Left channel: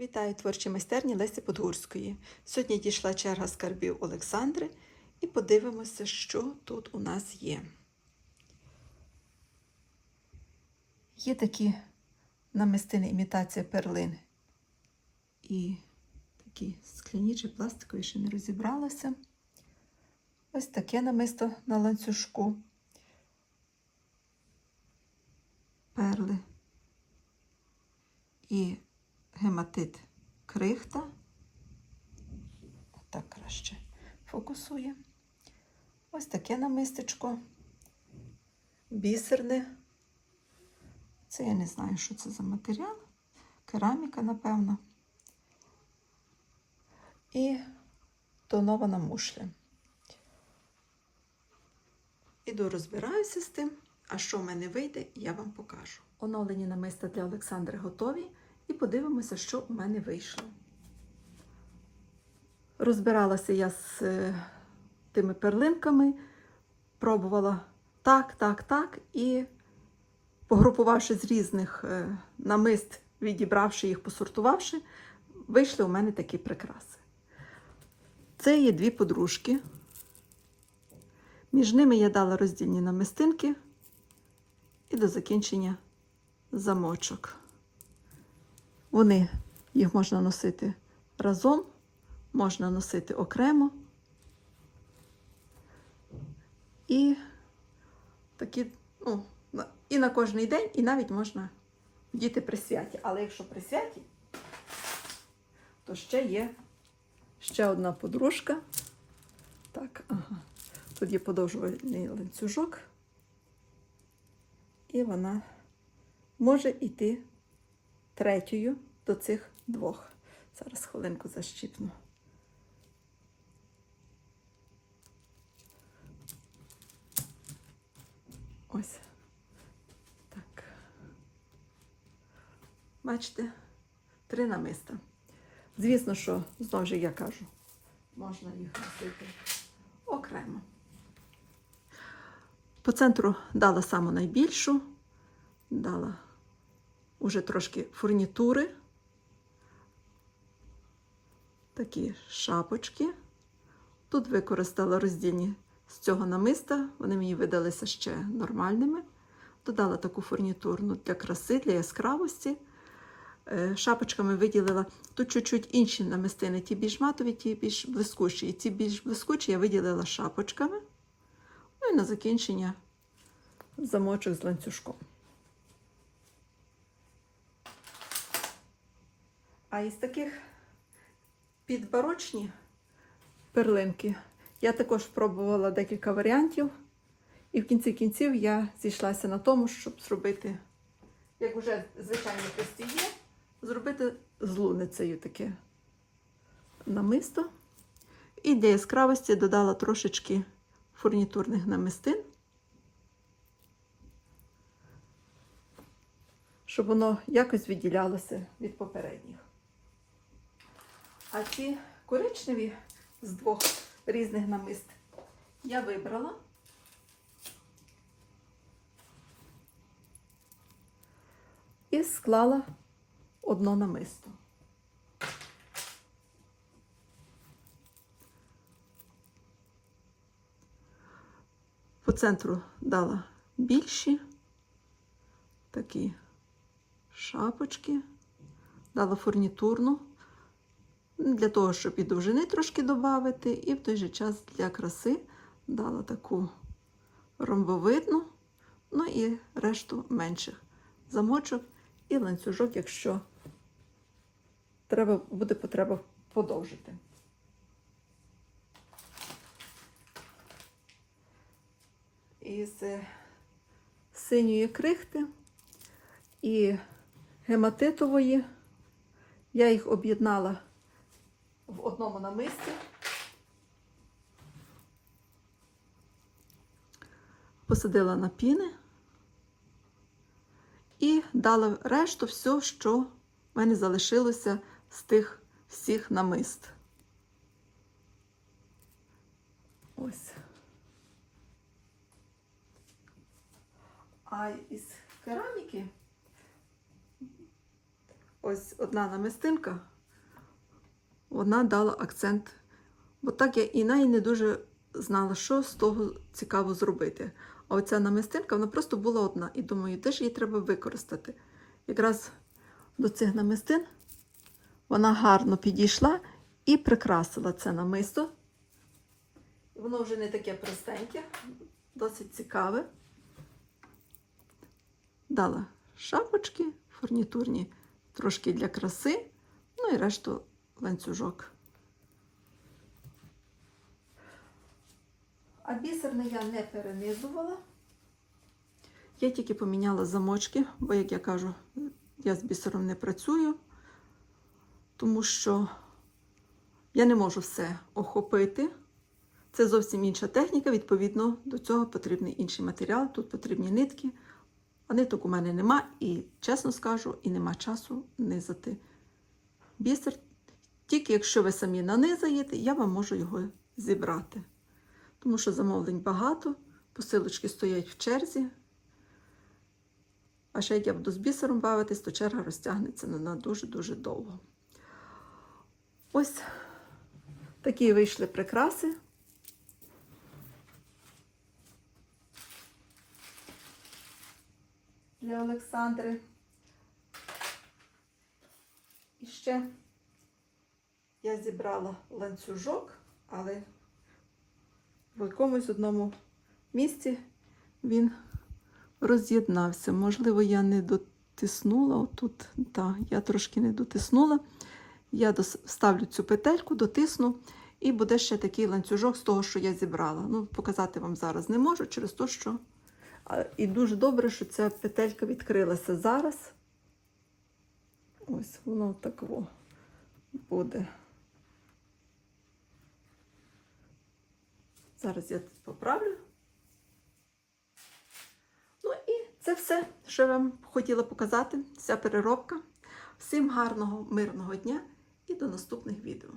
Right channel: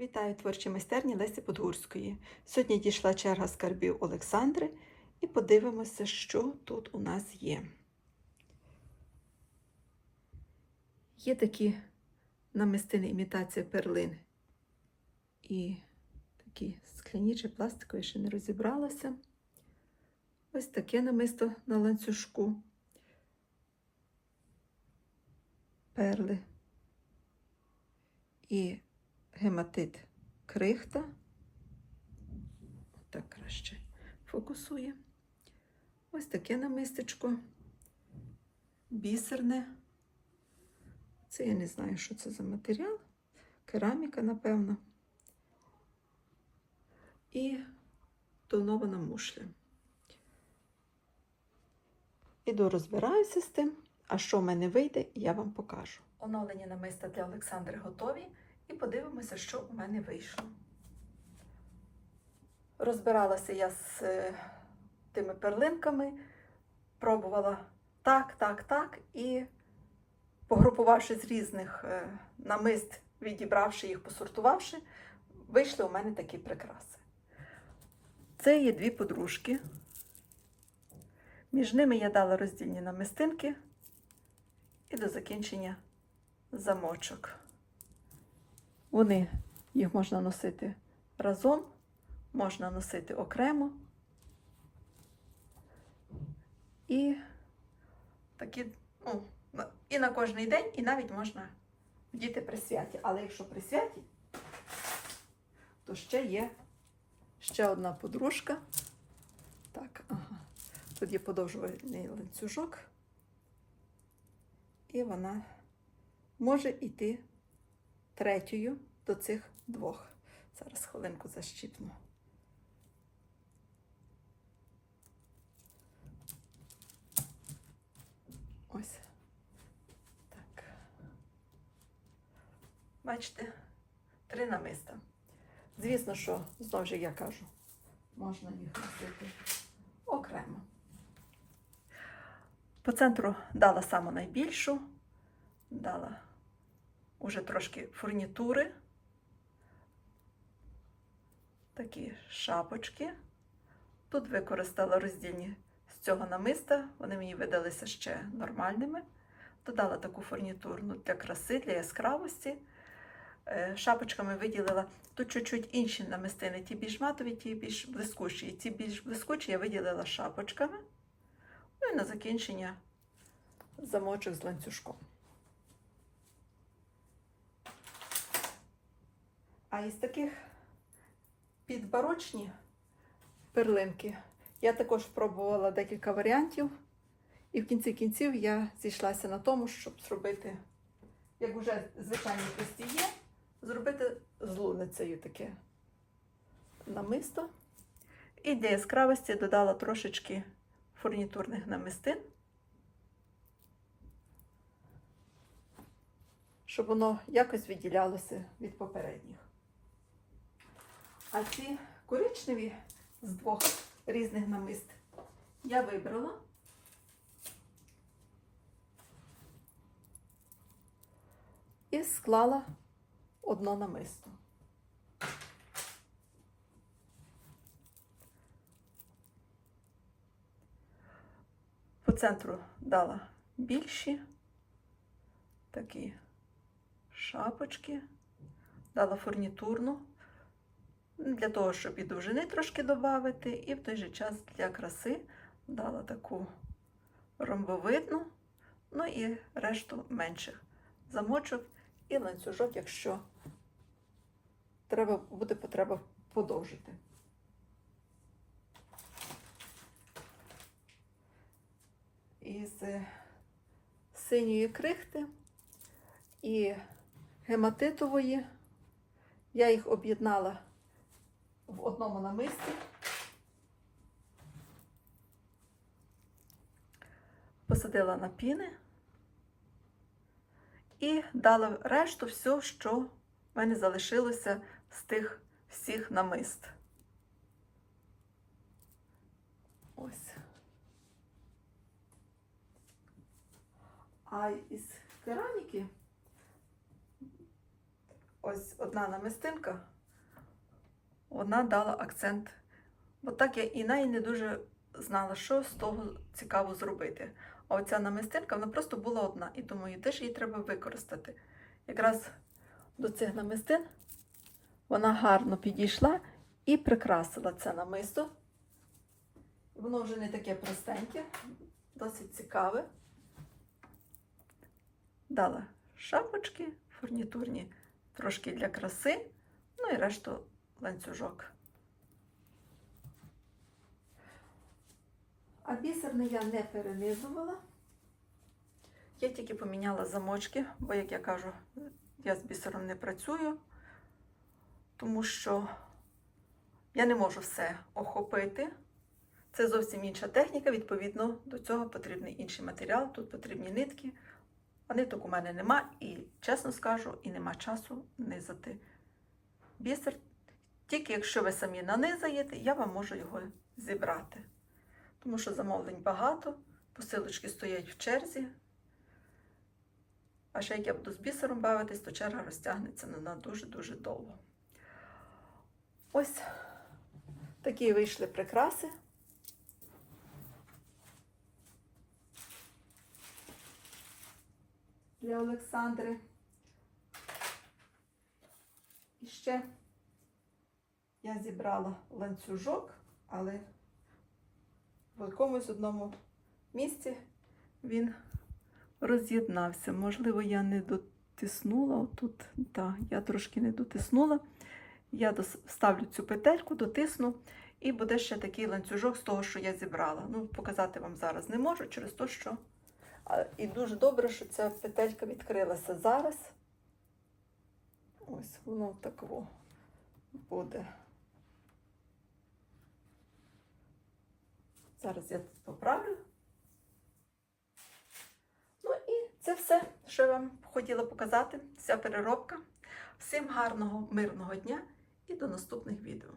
Вітаю творчі майстерні Лесі Подгурської. Сьогодні дійшла черга скарбів Олександри і подивимося, що тут у нас є. Є такі намистини імітація перлин і такі скляні чи пластикові, ще не розібралася. Ось таке намисто на ланцюжку. Перли і гематит крихта. Так краще фокусує. Ось таке намистечко. Бісерне. Це я не знаю, що це за матеріал. Кераміка, напевно. І тонована мушля. Іду розбираюся з тим, а що в мене вийде, я вам покажу. Оновлені намиста для Олександри готові. І подивимося, що у мене вийшло. Розбиралася я з е, тими перлинками, пробувала так, так, так, і погрупувавши з різних е, намист, відібравши їх, посортувавши, вийшли у мене такі прикраси. Це є дві подружки. Між ними я дала роздільні намистинки і до закінчення замочок. Вони, їх можна носити разом, можна носити окремо. І такі, ну, і на кожний день, і навіть можна діти при святі. Але якщо при святі, то ще є ще одна подружка. Так, ага. Тут є подовжувальний ланцюжок, і вона може йти третьою до цих двох. Зараз хвилинку защіпну. Ось. Так. Бачите, три намиста. Звісно, що, знову ж я кажу, можна їх носити окремо. По центру дала саму найбільшу, дала уже трошки фурнітури, такі шапочки. Тут використала роздільні з цього намиста, вони мені видалися ще нормальними. Додала таку фурнітурну для краси, для яскравості. Е, Шапочками виділила тут чуть-чуть інші намистини, ті більш матові, ті більш блискучі. І ті більш блискучі я виділила шапочками. Ну і на закінчення замочок з ланцюжком. А із таких підбарочні перлинки я також спробувала декілька варіантів. І в кінці кінців я зійшлася на тому, щоб зробити, як вже звичайно є, зробити з луницею таке намисто. І для яскравості додала трошечки фурнітурних намистин, щоб воно якось відділялося від попередніх. А ці коричневі з двох різних намист я вибрала. І склала одно намисто. По центру дала більші такі шапочки, дала фурнітурну для того, щоб і довжини трошки додати, і в той же час для краси дала таку ромбовидну, ну і решту менших замочок і ланцюжок, якщо треба, буде потреба подовжити. Із синьої крихти і гематитової я їх об'єднала в одному намисті. Посадила на піни і дала решту все, що в мене залишилося з тих всіх намист. Ось. А із кераміки ось одна намистинка, вона дала акцент. Бо так я і неї не дуже знала, що з того цікаво зробити. А оця намистинка, вона просто була одна. І думаю, де ж її треба використати. Якраз до цих намистин вона гарно підійшла і прикрасила це намисто. Воно вже не таке простеньке, досить цікаве. Дала шапочки фурнітурні, трошки для краси, ну і решту ланцюжок. А бісерний я не перенизувала. Я тільки поміняла замочки, бо, як я кажу, я з бісером не працюю, тому що я не можу все охопити. Це зовсім інша техніка, відповідно, до цього потрібний інший матеріал, тут потрібні нитки. А ниток у мене нема, і, чесно скажу, і нема часу низати бісер. Тільки якщо ви самі нанизаєте, я вам можу його зібрати. Тому що замовлень багато, посилочки стоять в черзі. А ще як я буду з бісером бавитись, то черга розтягнеться на дуже-дуже довго. Ось такі вийшли прикраси. Для Олександри. І ще я зібрала ланцюжок, але в якомусь одному місці він роз'єднався. Можливо, я не дотиснула отут. Так, я трошки не дотиснула. Я вставлю цю петельку, дотисну, і буде ще такий ланцюжок з того, що я зібрала. Ну, показати вам зараз не можу, через те, що. І дуже добре, що ця петелька відкрилася зараз. Ось воно так буде. Зараз я тут поправлю. Ну і це все, що я вам хотіла показати. Вся переробка. Всім гарного, мирного дня і до наступних відео.